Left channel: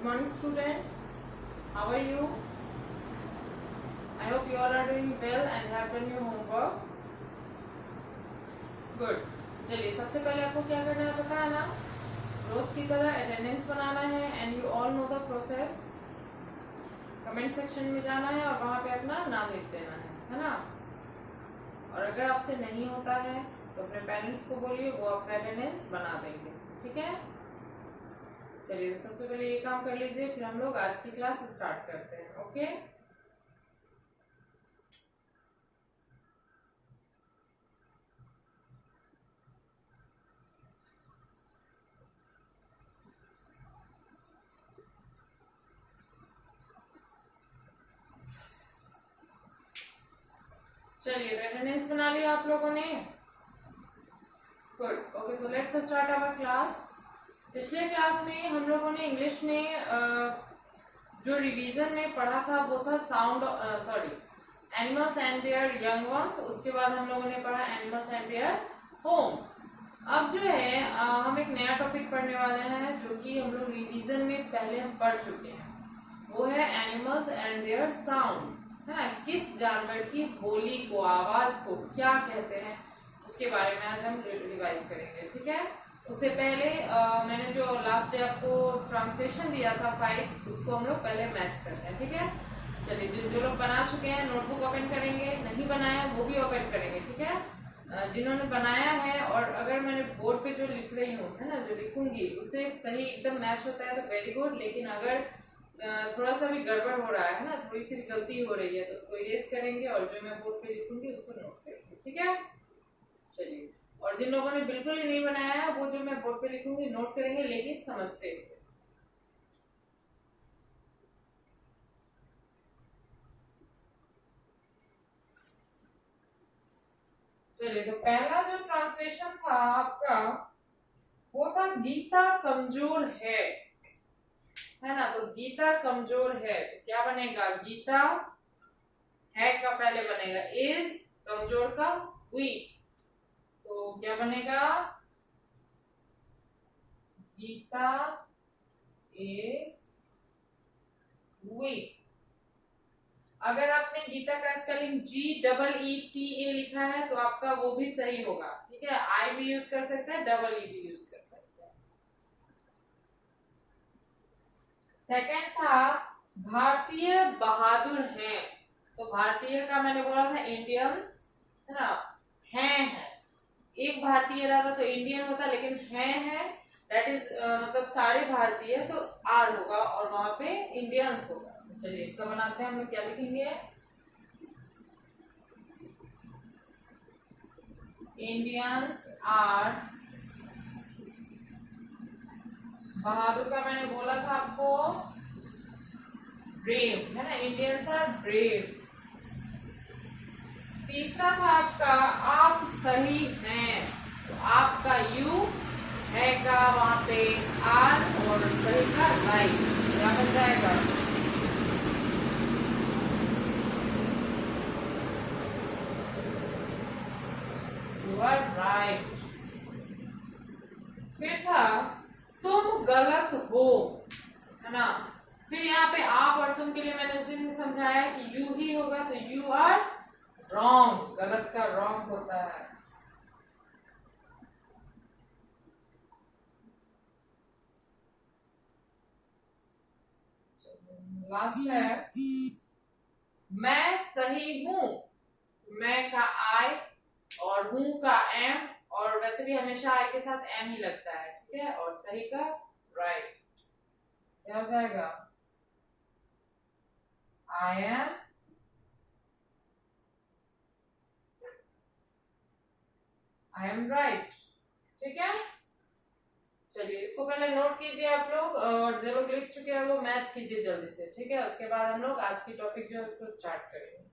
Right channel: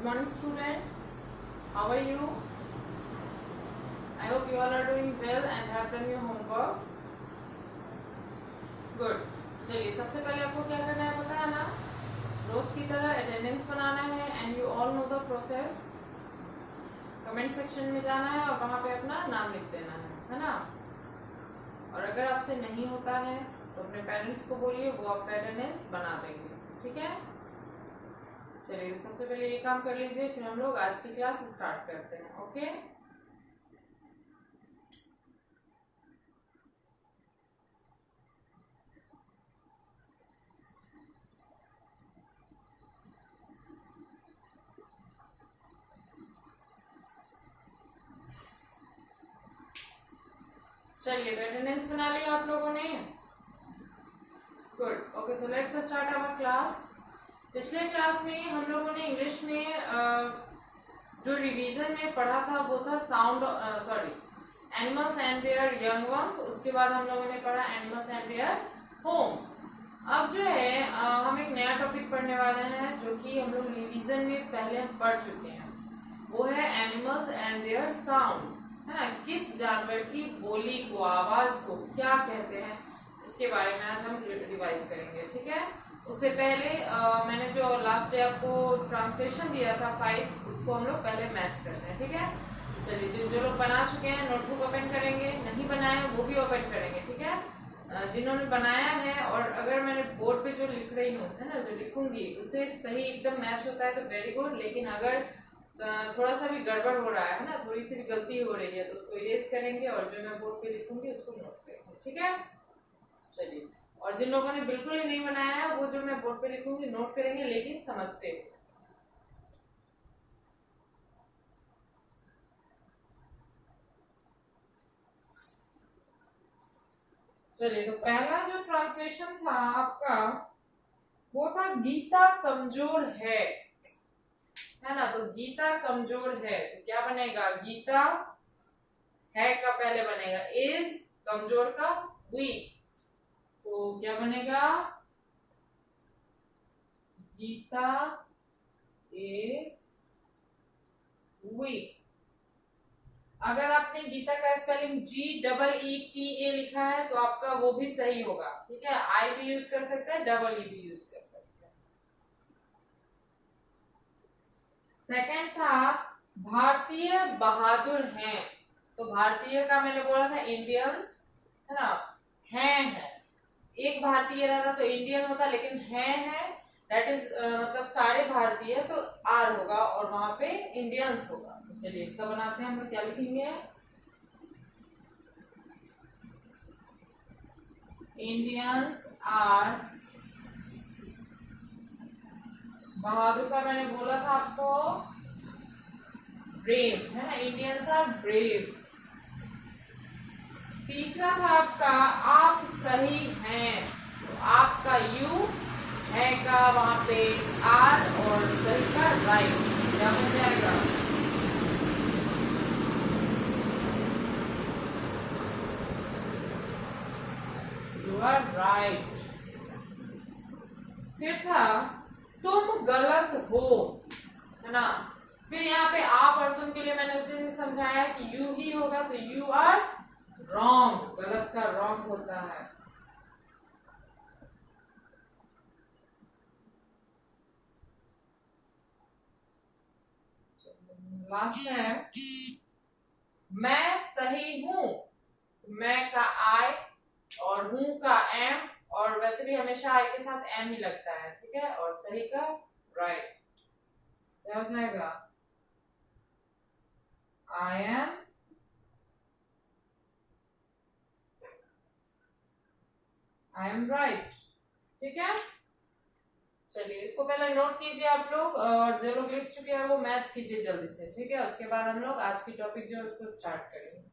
Good morning students, how are you? I hope you all are doing well and have done your homework. Good. चलिए सबसे पहले आपको क्या करना है पता है ना, रोज की तरह अटेंडेंस बनाना है and you all know the process. Comment section में जाना है और वहां पे अपना नाम लिख देना है ना. और अगर आपसे नहीं होता है तो अपने पेरेंट्स को बोलिए, वो आपका अटेंडेंस बना देंगे. ठीक है. चलिए सबसे पहले ये काम कर लीजिए, फिर हम लोग आज की क्लास स्टार्ट करते हैं. ओके. चलिए तो अटेंडेंस बना लिया आप लोगों ने. Good. Okay, so let's start our class. पिछले क्लास में हम लोगों ने इंग्लिश में जो रिवीजन में पढ़ा था वो था sound animals and there young ones. उसके बाद हम लोगों ने पढ़ा एनिमल्स एंड देयर होम्स. अब जो है हम एक नया टॉपिक पढ़ने वाले हैं जो कि हम लोग रिवीजन में पहले हम पढ़ चुके हैं. वो है एनिमल्स एंड देयर साउंड, है ना. किस जानवर की बोली को, आवाज को क्या कहते हैं, उसके बारे में आज हम रिवाइज करेंगे. ठीक है. उससे पहले मैंने जो लास्ट डे आपको ट्रांसलेशन दिया था 5, उसको हम लोग पहले मैच करते हैं. ठीक है. चलिए जो लोग बना चुके हैं नोटबुक ओपन करेंगे, नहीं बनाया वो भी ओपन करेंगे. ठीक है. जिन्होंने बनाया है, और अगर मैंने बोर्ड पे जो लिख रही हूँ, है ना, जो लिखूंगी उससे सही एकदम मैच होता है तो वेरी गुड. लेकिन अगर थोड़ा सा भी गड़बड़ हो रहा है ना, थोड़ी सी भी गलती हो रही है तो उसको इरेज करेंगे और जो मैं बोर्ड पे लिखूंगी उसको नोट करेंगे. ठीक है. चलिए. और जिन लोगों ने बिल्कुल ही नहीं बनाया है वो जो मैं बोर्ड पे लिखूंगी नोट करेंगे, लेकिन समझते हुए. चलिए तो पहला जो ट्रांसलेशन था आपका वो था गीता कमजोर है ना. तो गीता कमजोर है तो क्या बनेगा, गीता है का पहले बनेगा इज, कमजोर का वीक. तो क्या बनेगा, गीता इज वीक. अगर आपने गीता का स्पेलिंग GEETA लिखा है तो आपका वो भी सही होगा. ठीक है. आई भी यूज कर सकते हैं, EE भी यूज कर सकते हैं. सेकंड था भारतीय बहादुर हैं. तो भारतीय का मैंने बोला था इंडियंस, है ना. है एक भारतीय रहता तो इंडियन होता, लेकिन है दैट इज मतलब सारे भारतीय, तो आर होगा और वहां पे इंडियंस होगा. चलिए इसका बनाते हैं हम लोग. क्या लिखेंगे, इंडियंस आर, बहादुर का मैंने बोला था आपको ब्रेव, है ना. Indians are brave. तीसरा था आपका आप सही हैं. तो आपका यू, है का वहां पे आर और सही का राइट. क्या बन जाएगा, यू आर राइट. फिर था तुम गलत हो, है ना. फिर यहाँ पे आप और तुम के लिए मैंने उस दिन समझाया कि यू ही होगा, तो यू आर रॉन्ग. गलत का रॉन्ग होता है. लास्ट है मैं सही हूं. मैं का आई और हूं का एम, और वैसे भी हमेशा आई के साथ एम ही लगता है. ठीक है. और सही का राइट. क्या हो जाएगा, आई एम राइट. ठीक है. चलिए इसको पहले नोट कीजिए आप लोग, और जो लोग लिख चुके हैं वो मैच कीजिए जल्दी से. ठीक है. उसके बाद हम लोग आज की टॉपिक जो है उसको स्टार्ट करेंगे.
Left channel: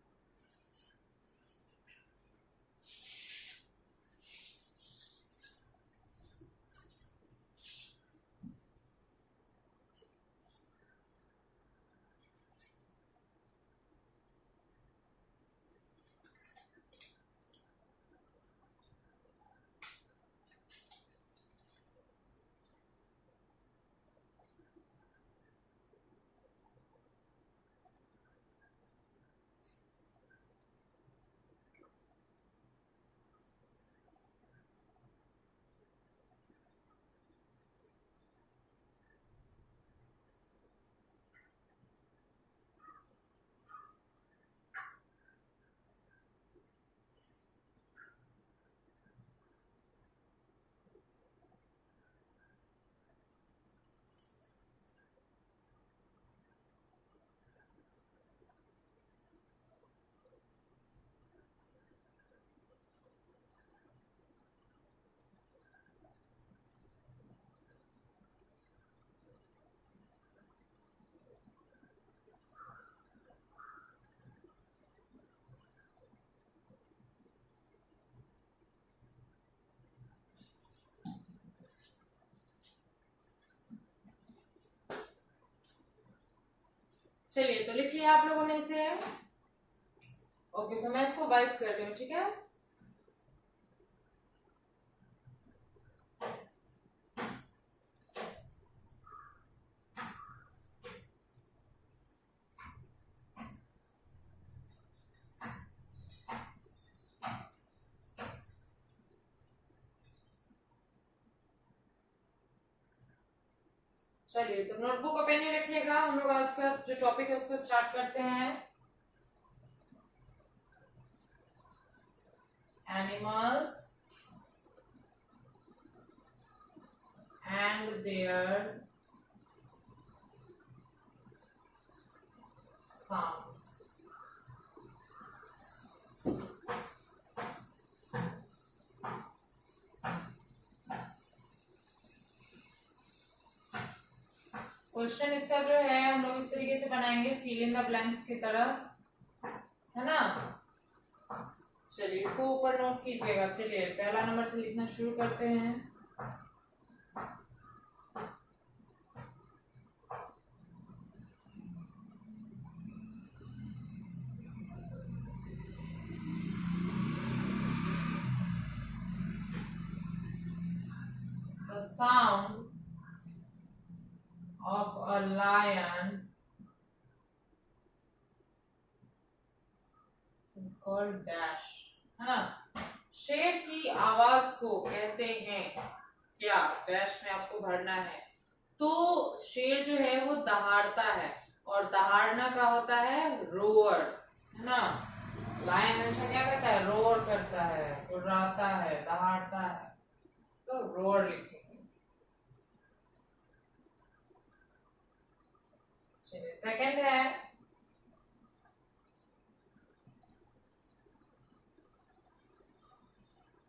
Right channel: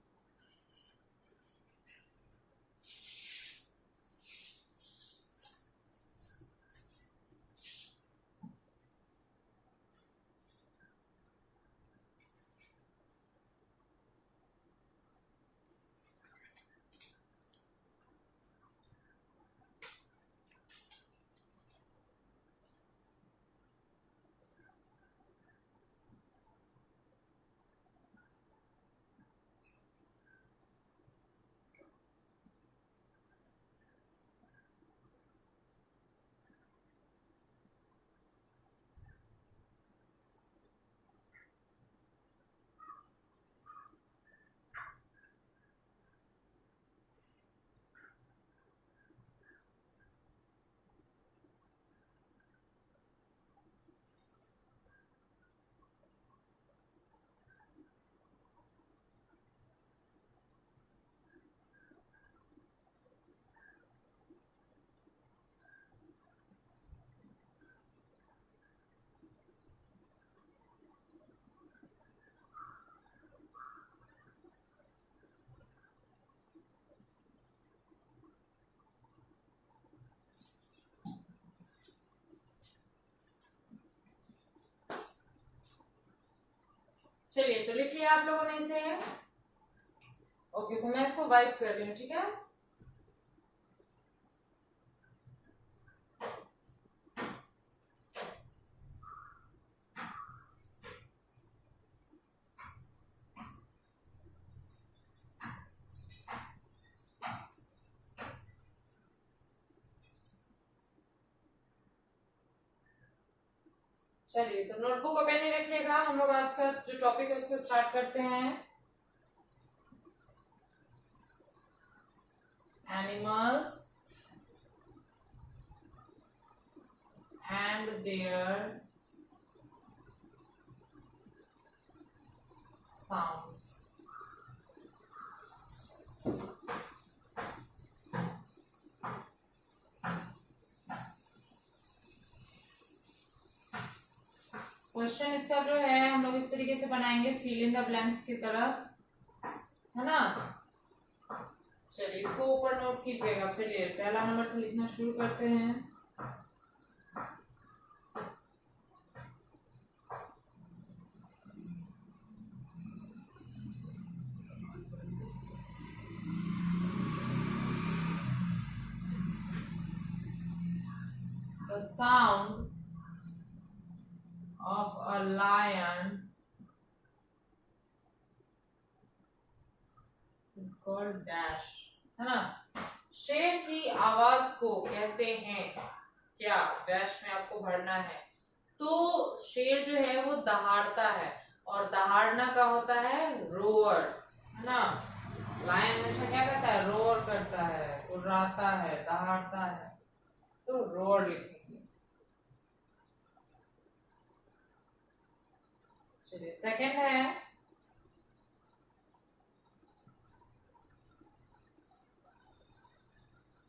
चलिए तो लिख लिया आप लोगों ने इसे। ओके, सो मैं इसको वाइप कर रही हूँ, ठीक है। चलिए तो नोटबुक और पेन ही रखिएगा, हम लोग आज का जो टॉपिक है उसको स्टार्ट करते हैं। Animals and their sound. Question इसका जो है हम लोग इस तरीके से बनाएंगे, फिल इन द ब्लैंक्स की तरह, है ना। चलिए इसको ऊपर नोट कीजिएगा। चलिए पहला नंबर से लिखना शुरू करते हैं। The sound of a lion is called dash, है ना। शेर की आवाज को कहते हैं क्या, डैश में आपको भरना है। तो शेर जो है वो दहाड़ता है, और दहाड़ना का होता है रोअर, है ना। लायन हमेशा क्या करता है, रोअर करता है, कुर्राता है, दहाड़ता है, तो रोअर लिखेंगे। चलिए सेकंड है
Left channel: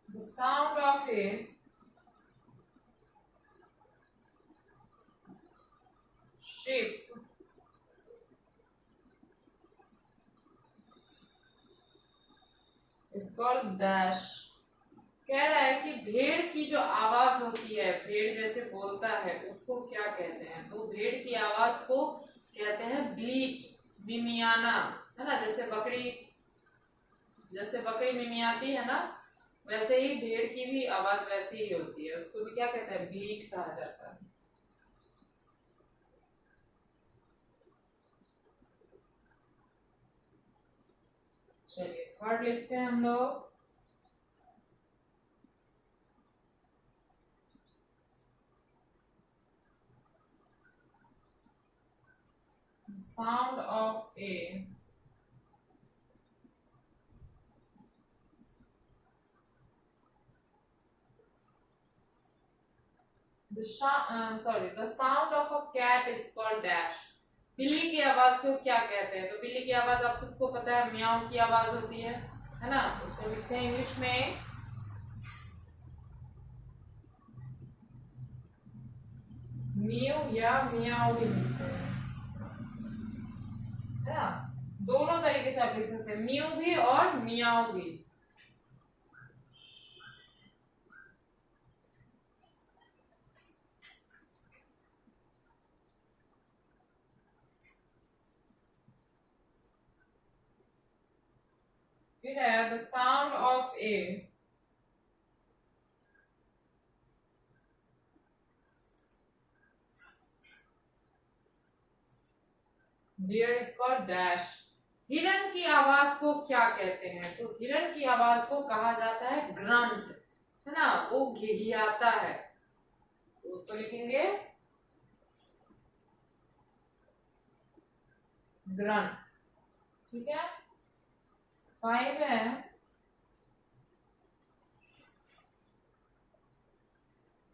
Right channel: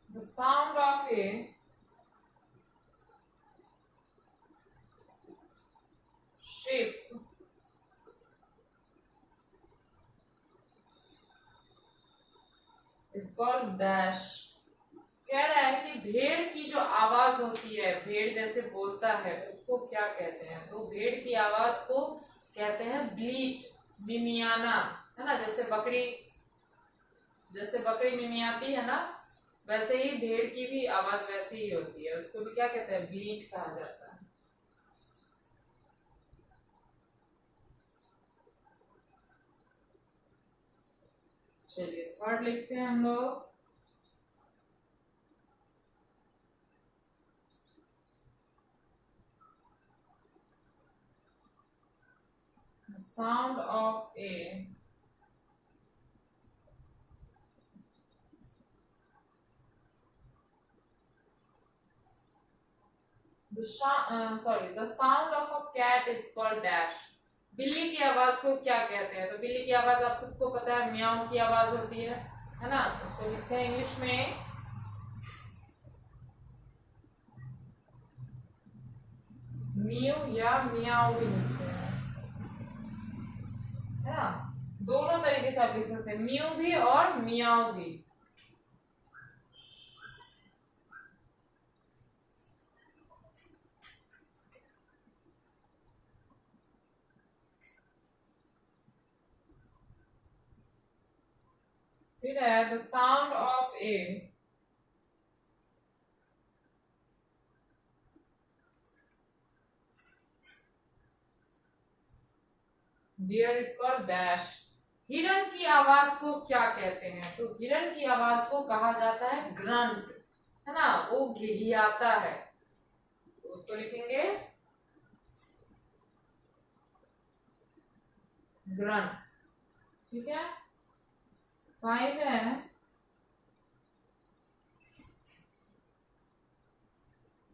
the sound of A ship is called dash. कह रहा है कि भेड़ की जो आवाज होती है, भेड़ जैसे बोलता है, उसको क्या कहते हैं। तो भेड़ की आवाज को कहते हैं ब्लीट, मिमियाना, है ना। जैसे बकरी मिमियाती है ना, वैसे ही भेड़ की भी आवाज वैसे ही होती है, उसको भी क्या कहते हैं, ब्लीट कहा जाता है। चलिए थर्ड लिखते हैं हम लोग। Sound of A the sound of a cat is called dash। बिल्ली की आवाज को क्या कहते हैं। तो बिल्ली की आवाज आप सबको पता है, म्याऊ की आवाज होती है ना। तो उसको लिखते हैं इंग्लिश में म्यू या मियाऊ भी लिखते हैं, है ना। दोनों तरीके से आप लिख सकते हैं, म्यू भी और मियाऊ भी। फिर है the sound of a deer is called dash. हिरन की आवाज को क्या कहते हैं। तो हिरन की आवाज को कहा जाता है ग्रंट, है ना। वो घिघियाता है, तो उसको लिखेंगे ग्रंट, ठीक है। 5 है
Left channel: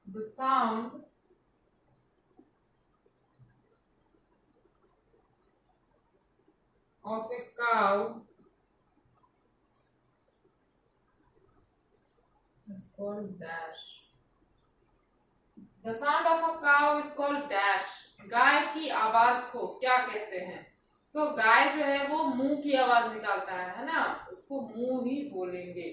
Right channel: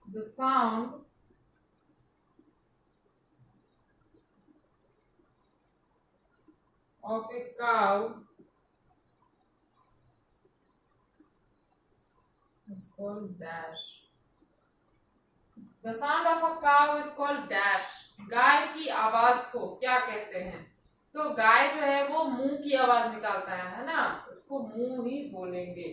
the sound of a cow is called dash। The sound of a cow is called dash। गाय की आवाज को क्या कहते हैं। तो गाय जो है वो मुंह की आवाज निकालता है ना, उसको मुंह ही बोलेंगे।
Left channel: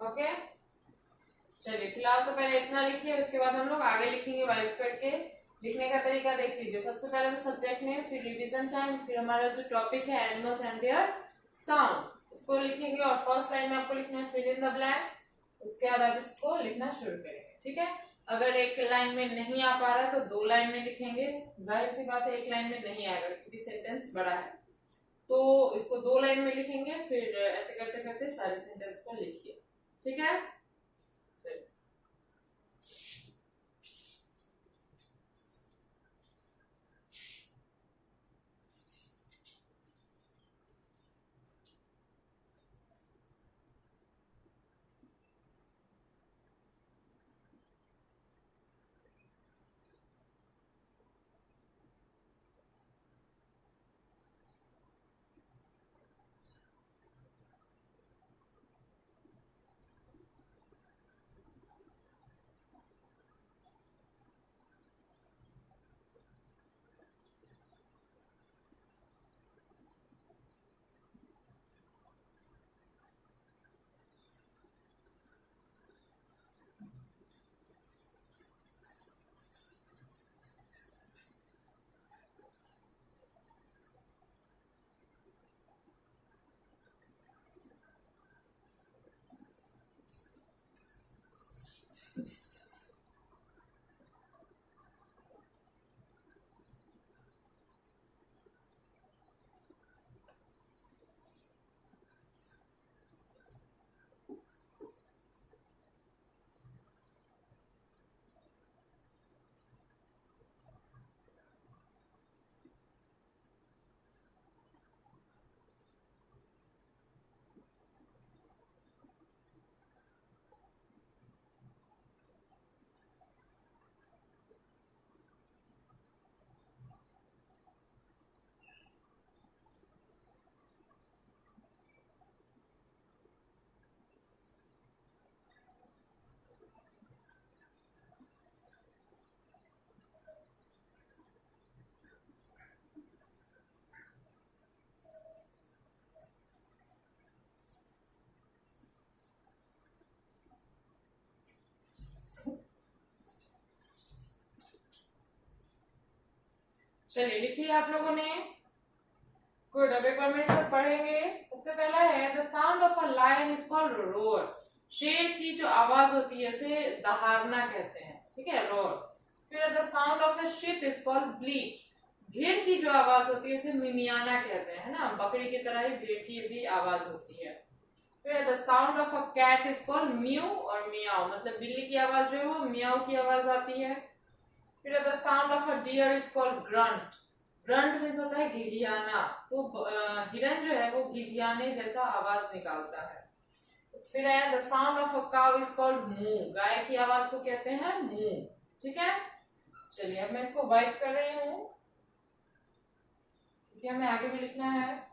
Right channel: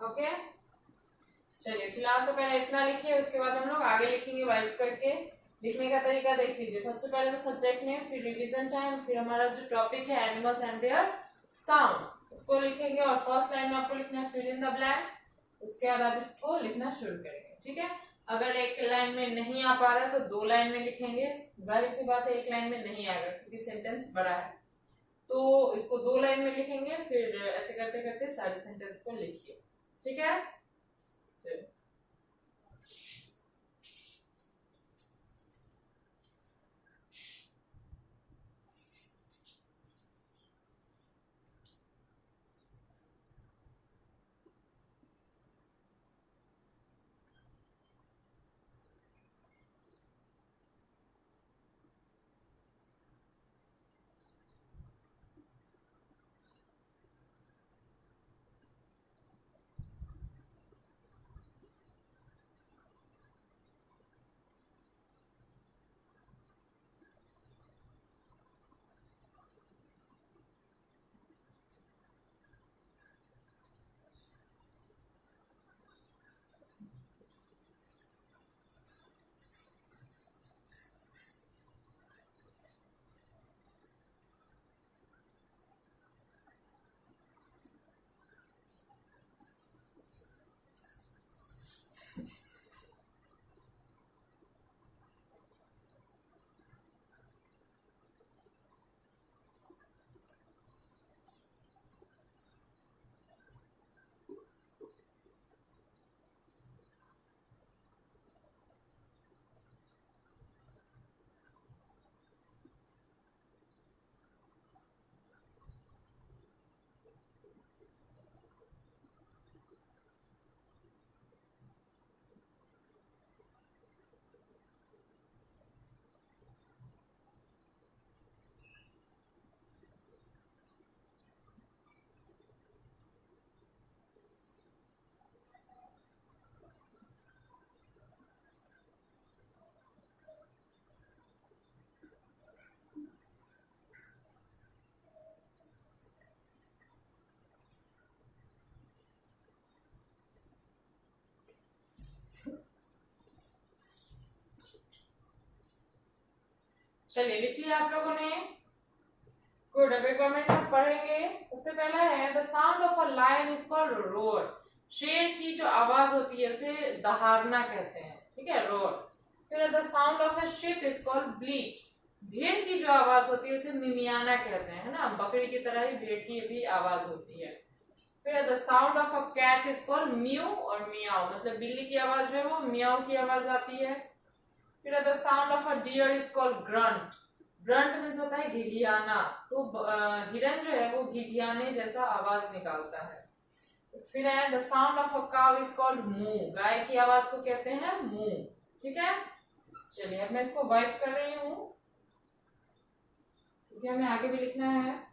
ओके, चलिए फिलहाल तो पहले इतना लिखिए, उसके बाद हम लोग आगे लिखेंगे वाइप करके। लिखने का तरीका देख लीजिए। सबसे पहले तो सब्जेक्ट नेम, फिर रिवीजन टाइम, फिर हमारा जो टॉपिक है एनिमल्स एंड देयर साउंड, उसको लिखेंगे और फर्स्ट लाइन में आपको लिखना है फिल इन द ब्लैंक्स। उसके बाद आप इसको लिखना शुरू करेंगे, ठीक है। अगर एक लाइन में नहीं आ पा रहा है तो 2 लाइन में लिखेंगे। जाहिर सी बात है एक लाइन में नहीं आएगा क्योंकि सेंटेंस बड़ा है, तो इसको 2 लाइन में लिखेंगे। फिर ऐसे करते करते सारे सेंटेंस को लिखिए, ठीक है। चलिए लिख लिया आप लोगों ने। गुड, अब एक बार मेरे साथ पढ़ेंगे। सबसे पहला है the sound of a lion is called roar. शेर की जो आवाज होती है उसे दहाड़ना कहते हैं, ठीक है, रोर। फिर the sound of a sheep is called bleat. भेड़ की जो आवाज होती है उसे मिमियाना कहते हैं, है ना। बकरी की तरह ही भेड़ की भी आवाज होती है। फिर the sound of a cat is called mew और मियाओ, मतलब बिल्ली की आवाज जो है वो मियाओ की आवाज आती है। फिर the sound of a deer is called grunt. Grunt means होता है घिघियाना, तो हिरन जो है वो घिघियाने जैसा आवाज निकालता है। फिर है the sound of a cow is called मू। गाय की आवाज को कहते हैं मू, ठीक है। चलिए अब मैं इसको वाइप कर रही हूँ क्योंकि हमें आगे भी लिखना है।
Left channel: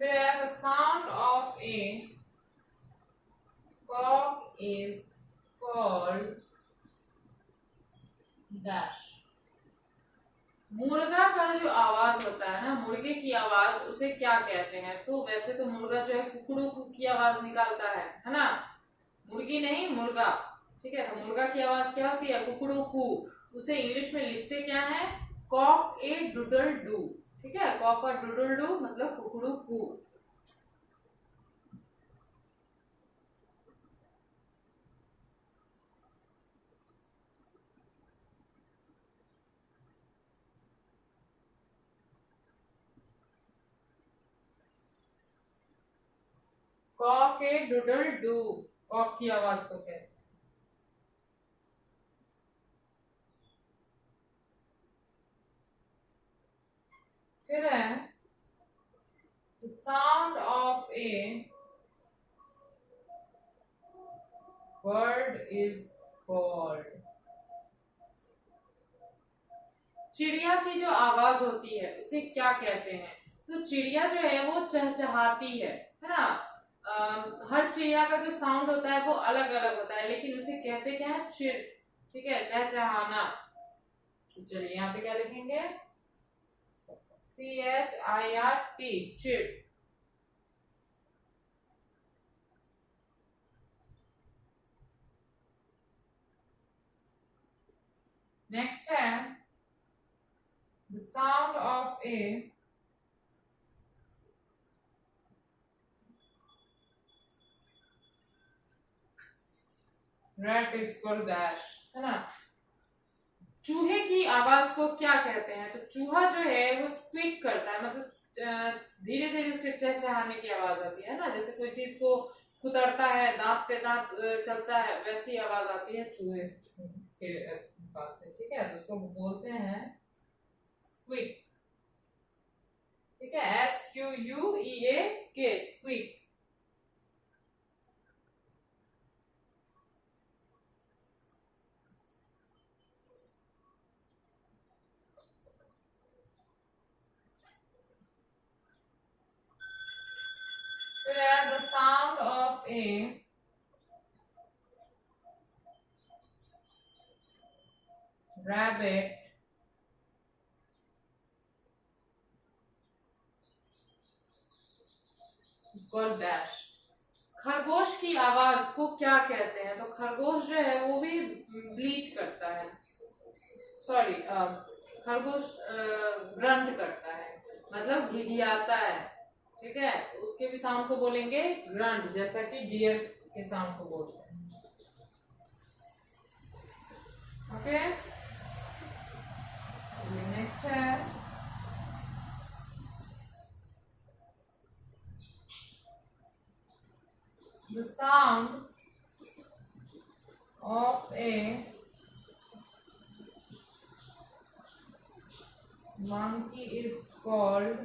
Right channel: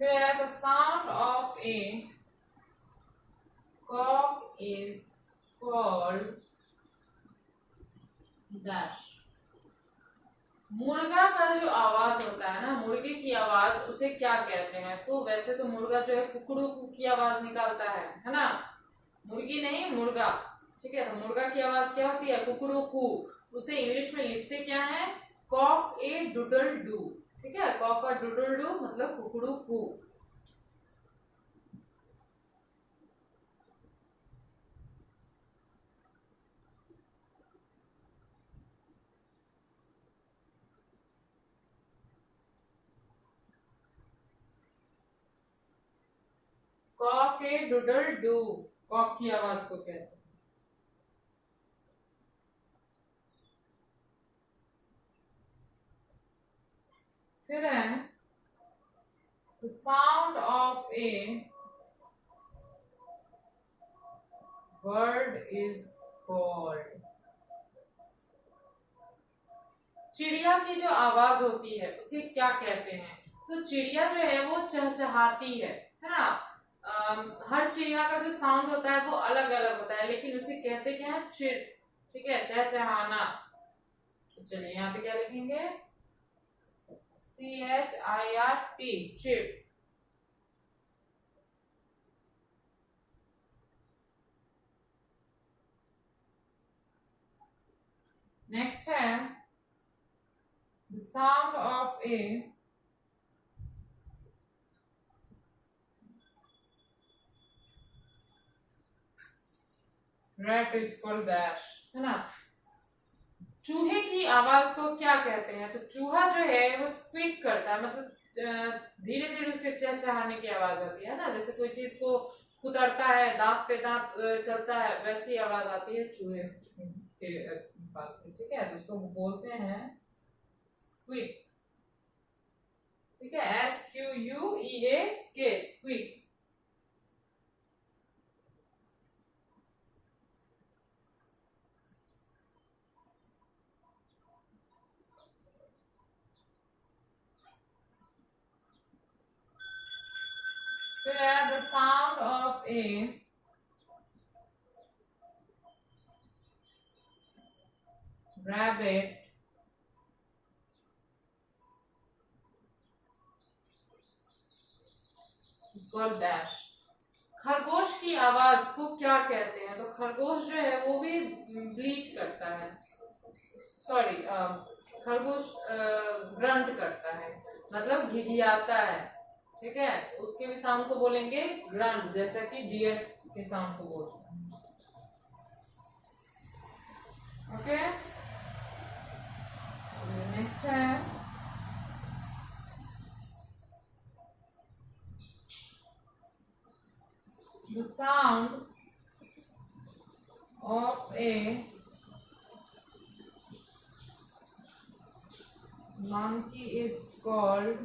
फिर the sound of a cock is called dash. मुर्गा का जो आवाज होता है ना, मुर्गे की आवाज, उसे क्या कहते हैं? तो वैसे तो मुर्गा जो है कुकड़ू की आवाज निकालता है ना। मुर्गी नहीं, मुर्गा, ठीक है। तो मुर्गा की आवाज क्या होती है? कुकड़ू कू। उसे इंग्लिश में लिखते क्या है? कॉक ए डूडल डू, ठीक है। कॉक और डूडल डू मतलब कुकड़ू कू। Cock a doodle doo, cock की आवाज को कहते हैं। फिर है the sound of a bird is called. चिड़िया की जो आवाज होती है उसे क्या कहते हैं? तो चिड़िया जो है वो चहचहाती है ना। हर चिड़िया का जो साउंड होता है वो अलग अलग होता है, लेकिन उसे कहते क्या है? चिड़। ठीक है, चहचहाना। तो चलिए यहाँ पे क्या लिखेंगे? CHIRT, चिड़। नेक्स्ट है the sound of A rat is called dash, है ना। चूहे की आवाज को क्या कहते हैं? तो चूहा जो है वो स्क्विक करता है, मतलब धीरे धीरे उसके चहचहाने की आवाज आती है ना। जैसे कोई चीज को कुतरता है, दांत पे दांत चलता है, वैसी आवाज आती है चूहे के पास से। ठीक है, तो उसको बोलते हैं स्क्विक। ठीक है, SQUEAK, स्क्विक। फिर है the sound of A rabbit is called dash. खरगोश की आवाज को क्या कहते हैं? तो खरगोश जो है वो भी ब्लीट करता है, सॉरी, खरगोश ग्रंट करता है, मतलब घिघियाता है। ठीक है, उसके भी साउंड को बोलेंगे ग्रंट, जैसा कि डियर के साउंड को बोलते हैं। ओके, नेक्स्ट है the sound of A monkey is called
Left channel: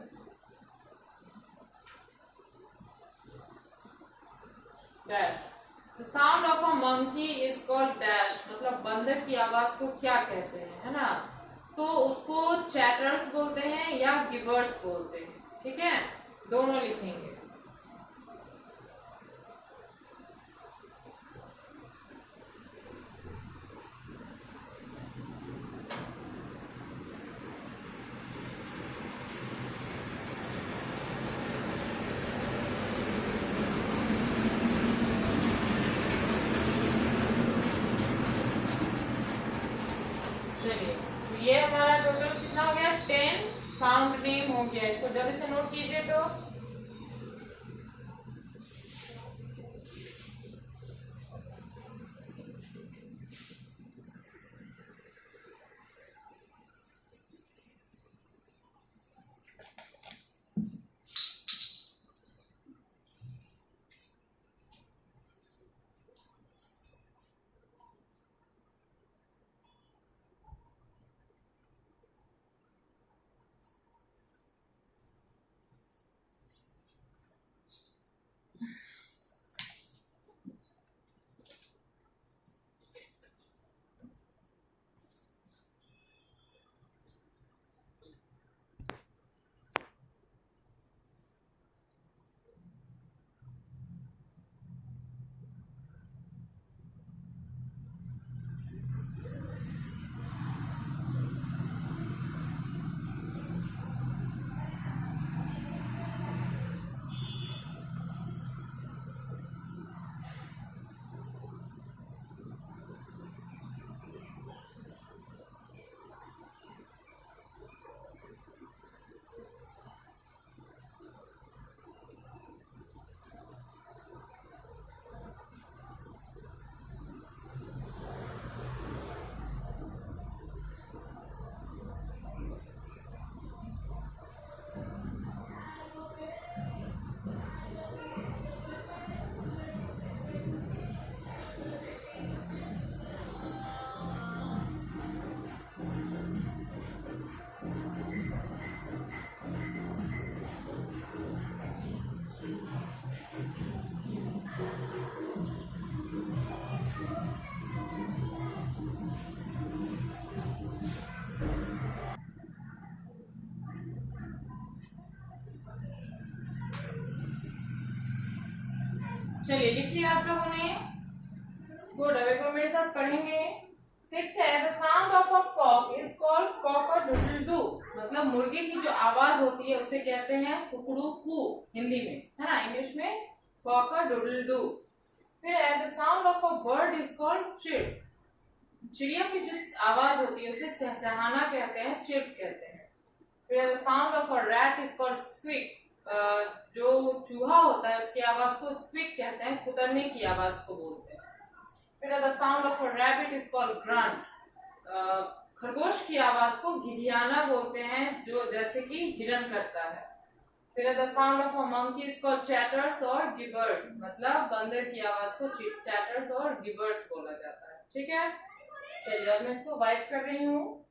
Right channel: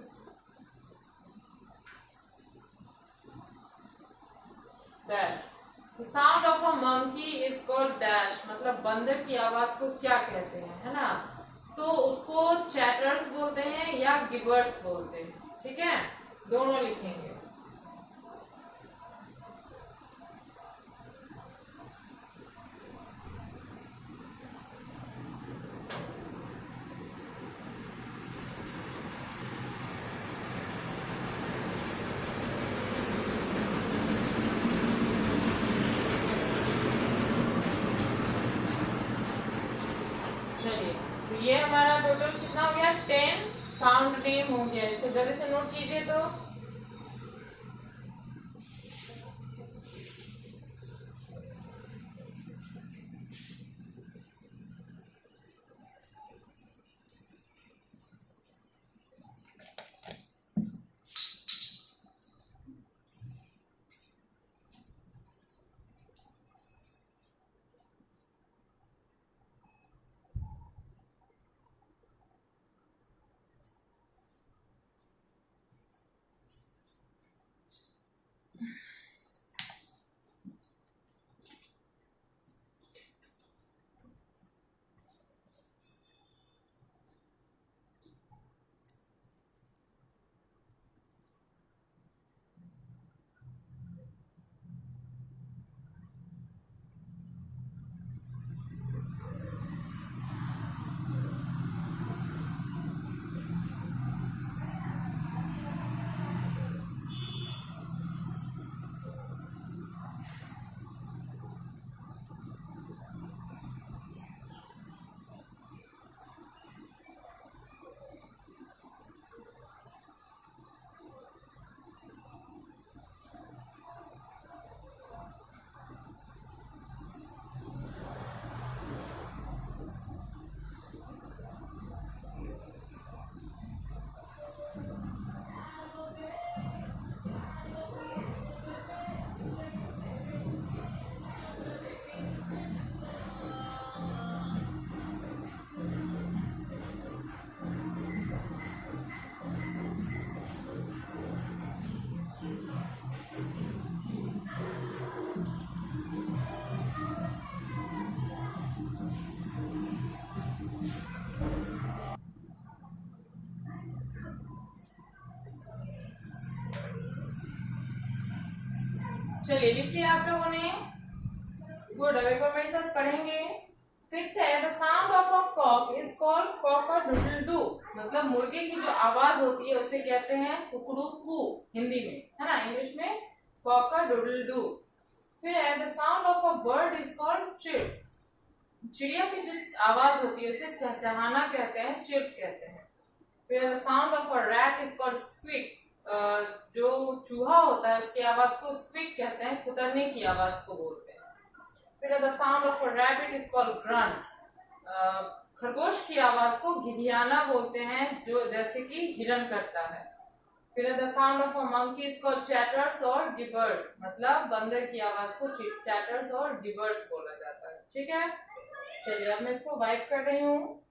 dash। The sound of a monkey is called dash, मतलब बंदर की आवाज को क्या कहते हैं, है ना। तो उसको चैटर्स बोलते हैं या गिबर्स बोलते हैं। ठीक है, दोनों लिखेंगे। चलिए, तो ये हमारा टोटल कितना हो गया? 10 साउंड नेम हो गया। इसको जल्दी से नोट कीजिए। तो चलिए लिख लिया आप लोगों ने। गुड, अब एक बार मेरे साथ पढ़ेंगे। 6 है, the sound of a cock is called cock a doodle doo. मतलब मुर्गे की जो आवाज होती है उसे कहते हैं कुकड़ू कू हिंदी में, है ना। इंग्लिश में कॉक अ डूडल डू। फिर है, the sound of a bird is called chirp. चिड़िया की जो आवाज होती है उसे चहचहाना कहते हैं, चिर्प कहते हैं। फिर the sound of a rat is called squeak. जो चूहा होता है उसकी आवाज को स्क्विक कहते हैं, कुतरने की आवाज को बोलते हैं। फिर the sound of a rabbit is called grunt. खरगोश की आवाज को घिघियाना बोलते हैं, जो जैसे कि हिरन करता है। फिर the sound of a monkey is called chatters और गिबर्स। मतलब बंदर की आवाज को चैटर्स और गिबर्स बोला जाता है। ठीक है, चलिए अब मैं इसको वाइप कर रही हूँ।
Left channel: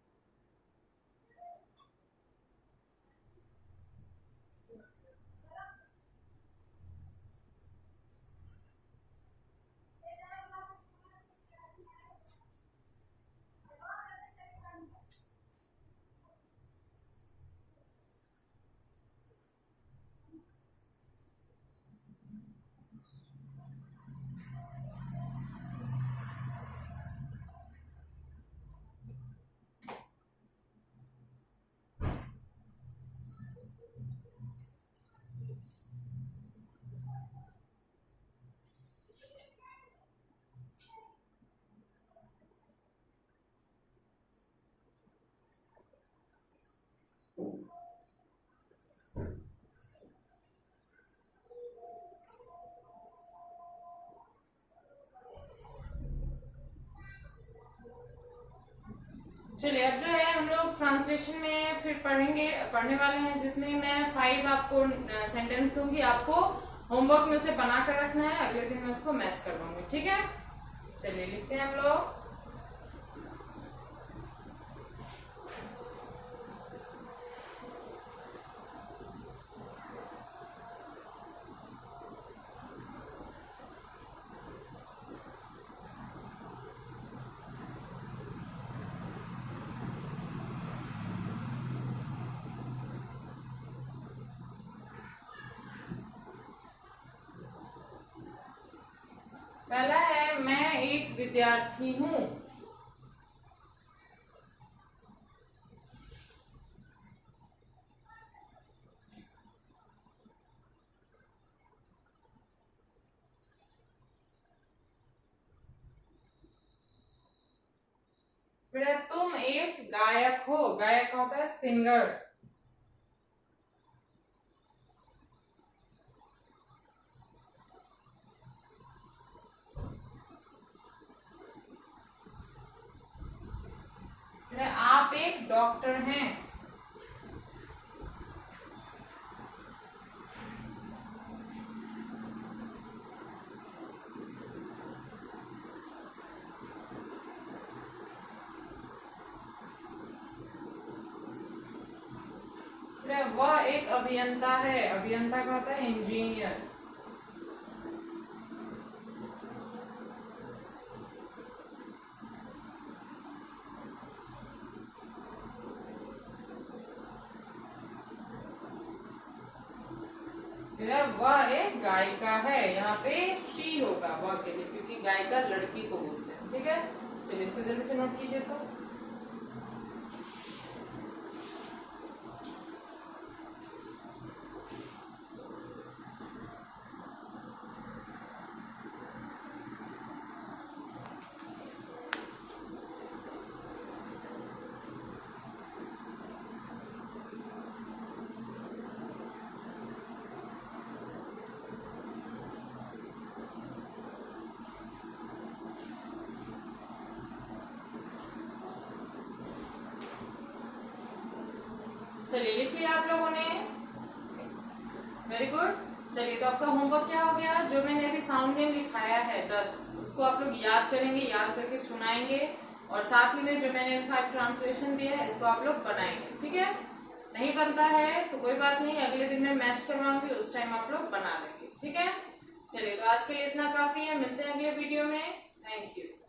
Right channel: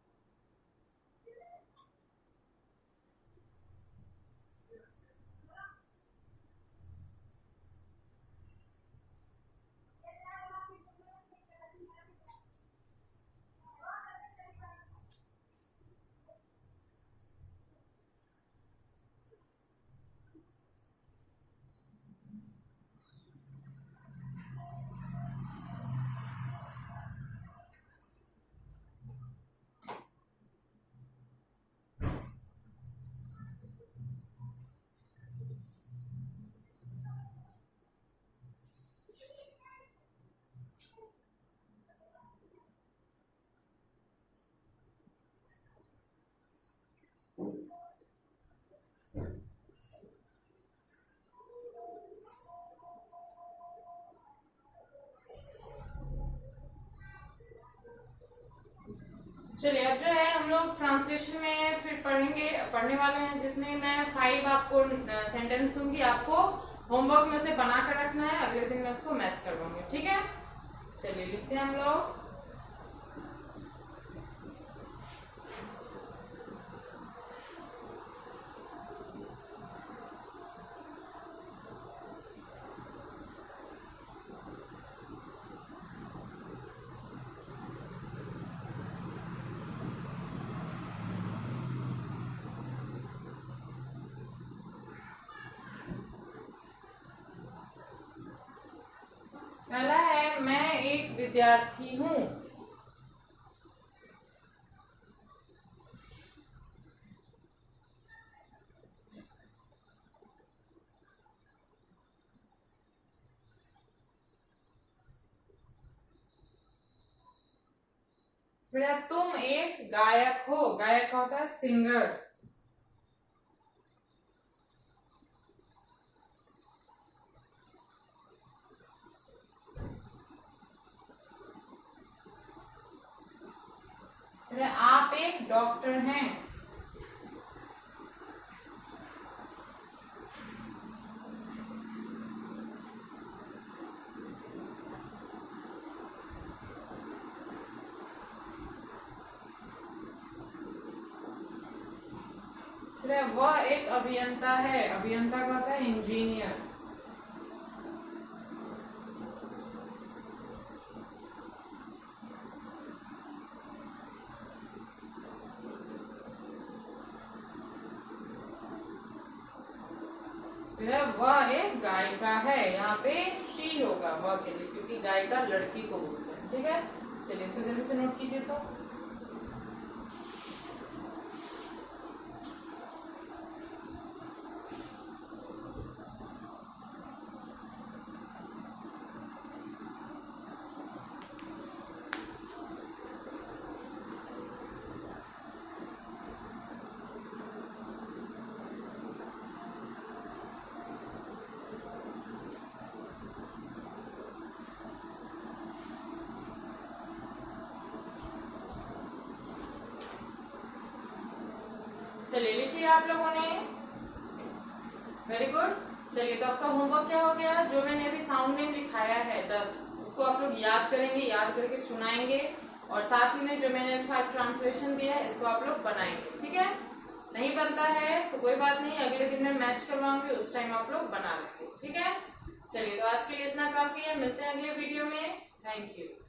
चलिए अब जो है हम लोग ट्रांसलेशन में फिर पढ़ने वाले हैं, जिसमें मैं 5 आपको सेंटेंस दूंगी। आपको होमवर्क में उसे बना कर रखना है, अगले दिन मैं उसको मैच करवाऊंगी। ठीक है, चलिए लिखते हैं हम लोग। पहला है, मैं एक विद्यार्थी हूँ। फिर है, तुम एक गायक हो। गायक होता है सिंगर। फिर है, आप एक डॉक्टर हैं। फिर है, वह एक अभियंता है। अभियंता का होता है इंजीनियर। फिर है, वह एक गायिका है। यहाँ पे शी होगा वह के लिए, क्योंकि गायिका लड़की को बोलते हैं। ठीक है, चलिए इसको जल्दी से नोट कीजिए। तो चलिए लिख लिया आप लोगों ने। Very good. चलिए तो आपका होमवर्क क्या हो गया, जो मैंने अभी साउंड नेम लिखाया है 10, उसको आप लोग याद करेंगे, याद करके सुनाएंगे, और साथ ही में जो मैंने 5 ट्रांसलेशन दिया है इसको आप लोग बनाएंगे। ठीक है, नहीं बनता है तो कोई बात नहीं, अगले दिन मैं मैच करवाऊंगी, उस टाइम आप लोग बना लेंगे। ठीक है, चलिए तो आज के लिए इतना काफी है। मिलते हैं अगले वीडियो में। Thank you.